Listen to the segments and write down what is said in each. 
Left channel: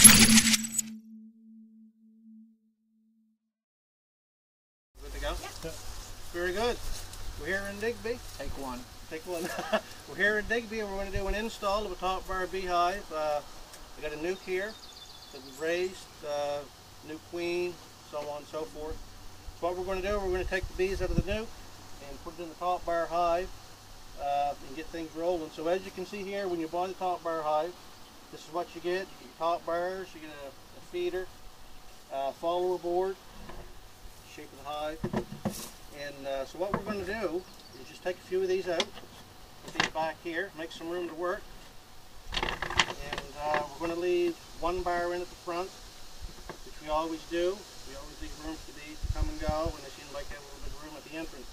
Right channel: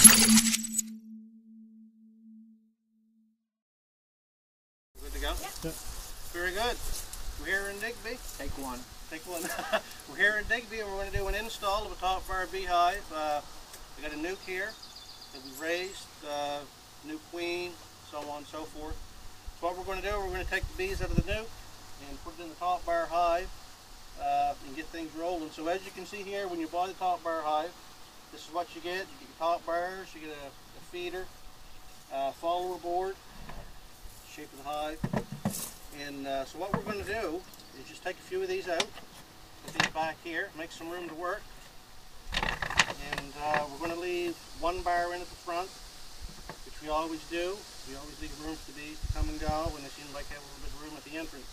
Good to go? Yeah. Very good. We're here in Digby. Take one. Take one. We're here in Digby and we're going to do an install of a top bar beehive. We got a nuke here that was raised, new queen, so on and so forth. So what we're going to do, we're going to take the bees out of the nuke and put it in the top bar hive and get things rolling. So as you can see here, when you buy the top bar hive, this is what you get. You get your top bars, you get a feeder, follower board, shape of the hive. And so what we're going to do is just take a few of these out, put these back here, make some room to work. And we're going to leave one bar in at the front, which we always do. We always leave room for the bees to come and go, and it seems like they have a little bit of room at the entrance.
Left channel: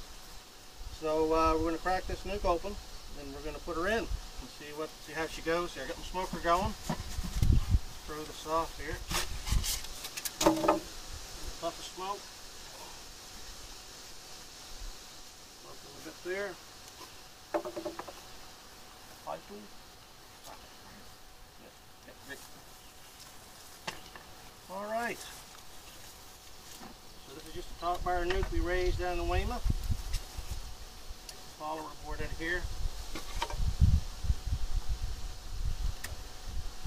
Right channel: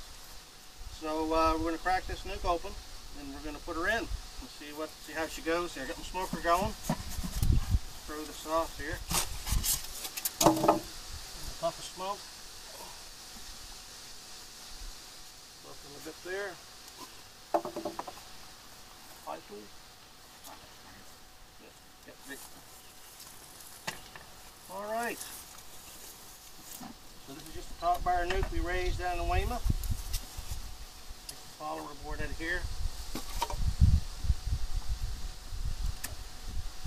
So we're going to crack this nuke open, and we're going to put her in and see how she goes here. Got my smoker going. Throw this off here. A puff of smoke. Open a bit there. Pipe. Alright. So this is just a top bar nuke we raised down in the Weymouth. Take the follower board out of here.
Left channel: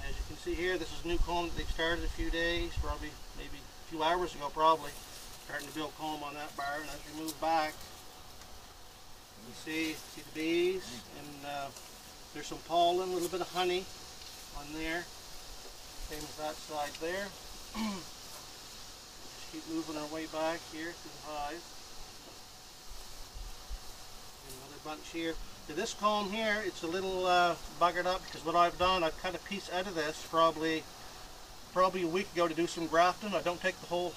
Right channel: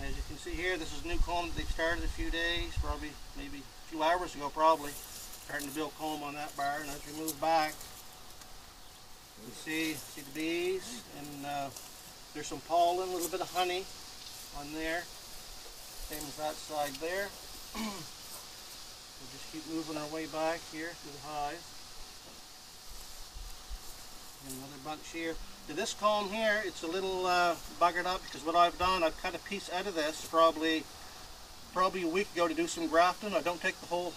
As you can see here, this is new comb that they've started a few days, probably maybe a few hours ago probably. Starting to build comb on that bar, and as we move back, you can see the bees, and there's some pollen, a little bit of honey on there. Same as that side there. We'll just keep moving our way back here to the hive. And another bunch here. So this comb here, it's a little buggered up because what I've done, I've cut a piece out of this probably a week ago to do some grafting. I don't take the whole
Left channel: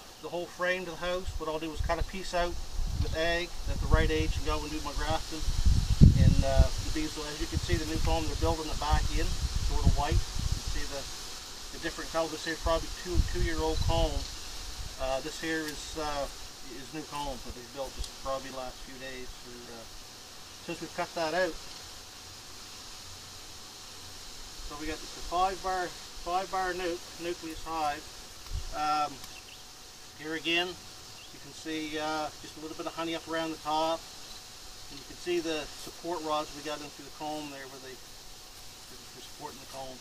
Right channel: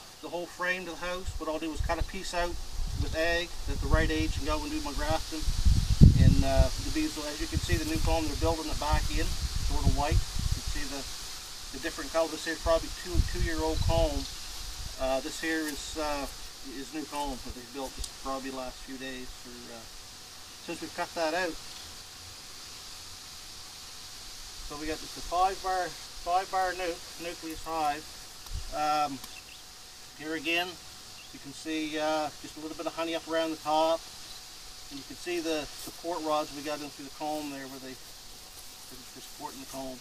frame to the house. What I'll do is cut a piece out with egg at the right age and go and do my grafting. And the bees, as you can see, the new comb, they're building it back in, sort of white. You can see the different color. This here is probably two-year-old comb. This here is new comb that they built just probably the last few days since we've cut that out. So we got just a five bar nucleus hive. Here again, you can see just a little bit of honey up around the top. And you can see the support rods we got in through the comb there where they're supporting the comb.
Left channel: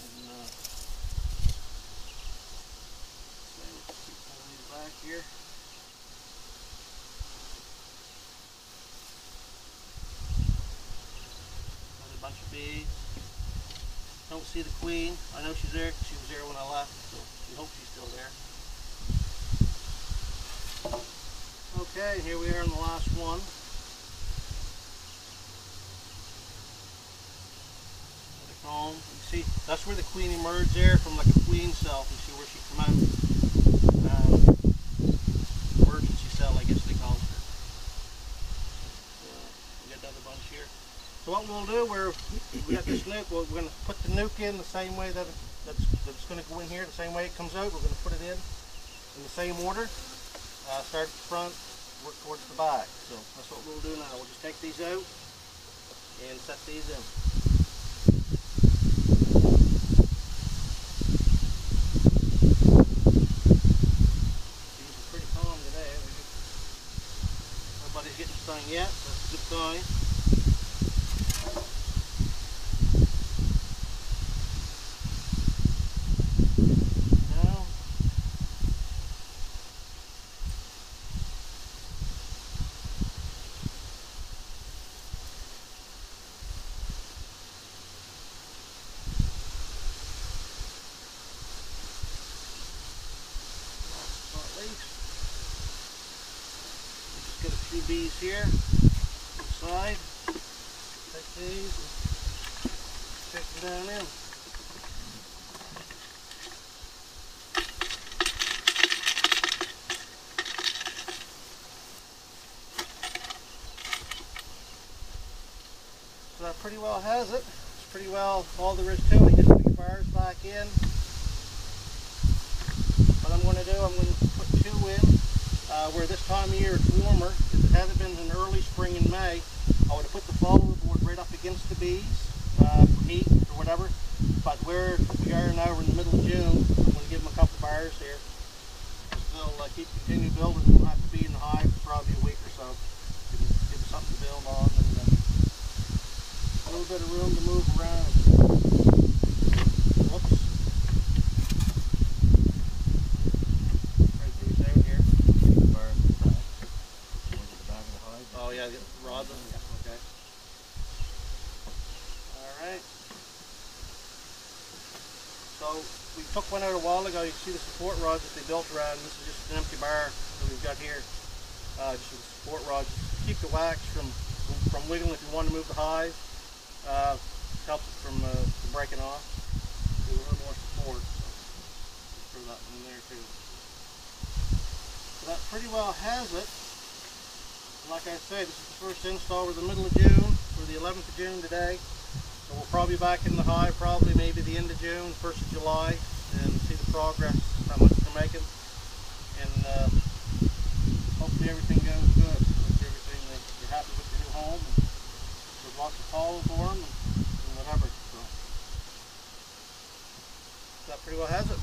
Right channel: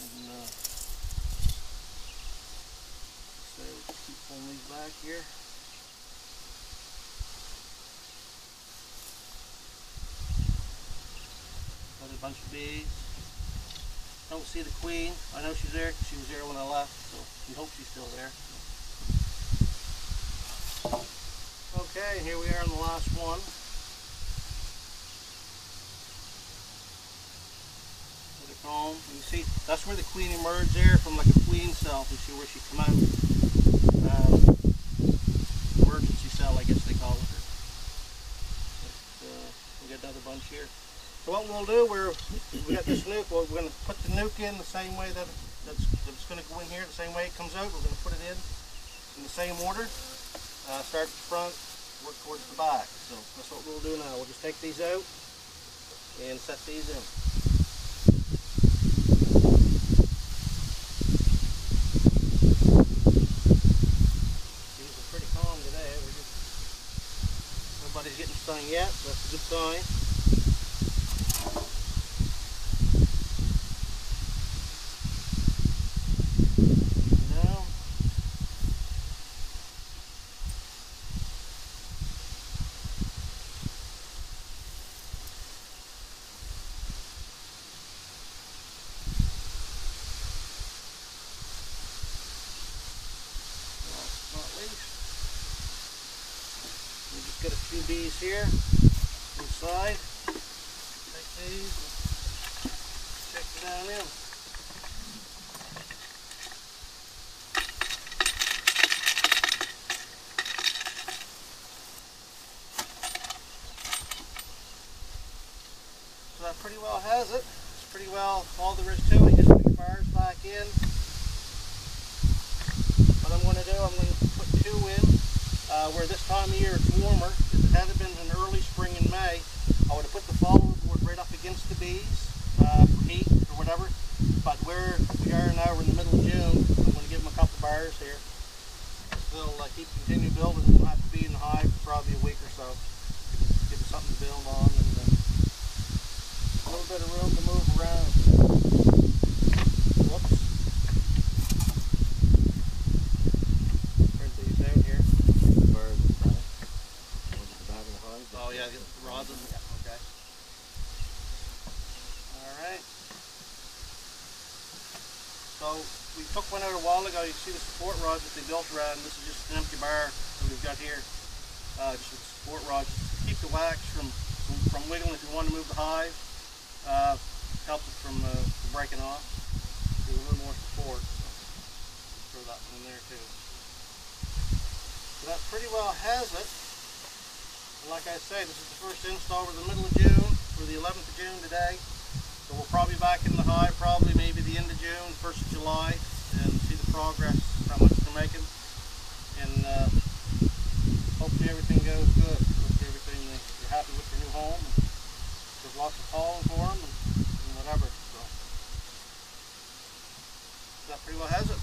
And so we'll keep pulling these back here. Another bunch of bees. Don't see the queen. I know she's there because she was there when I left, so we hope she's still there. Okay, here we are on the last one. Comb. You see, that's where the queen emerged there from, like a queen cell. You see where she come out. Emergency cell, I guess they call it. We got another bunch here. So what we'll do, we got this nuke. We're going to put the nuke in the same way that's going to go in here, the same way it comes out. We're going to put it in the same order. Start at the front, work towards the back. So that's what we'll do now. We'll just take these out and set these in. Today, nobody's getting stung yet, so that's a good sign. Now, not least. We just got a few bees here inside. Take these and check it down in. So that pretty well has it. It's pretty well all there is to it. Just put the bars back in. What I'm going to do, I'm going to put two in. Where this time of year it's warmer. If it hadn't been in early spring in May, I would have put the follower board right up against the bees for heat or whatever. But we are now, we're in the middle of June. I'm going to give them a couple bars here. They'll continue building. They won't have to be in the hive for probably a week or so. Give them something to build on and a little bit of room to move around. Whoops. There's these out here. Bars in the back. Ones in the back of the hive. Oh yeah, the rods. Yeah, okay. Alright. So we took one out a while ago. You can see the support rods that they built around. This is just an empty bar that we've got here. Just with support rods. Just keep the wax from wiggling if you want to move the hive. Help it from breaking off. Give a little more support. Throw that one in there too. So that pretty well has it. And like I say, this is the first install. We're in the middle of June. We're the 11th of June today. So we'll probably be back in the hive probably maybe the end of June, 1st of July, and see the progress, how much they're making. And hopefully everything goes good. Hopefully everything, they're happy with the new home. And there's lots of calls for them and whatever. So that pretty well has it.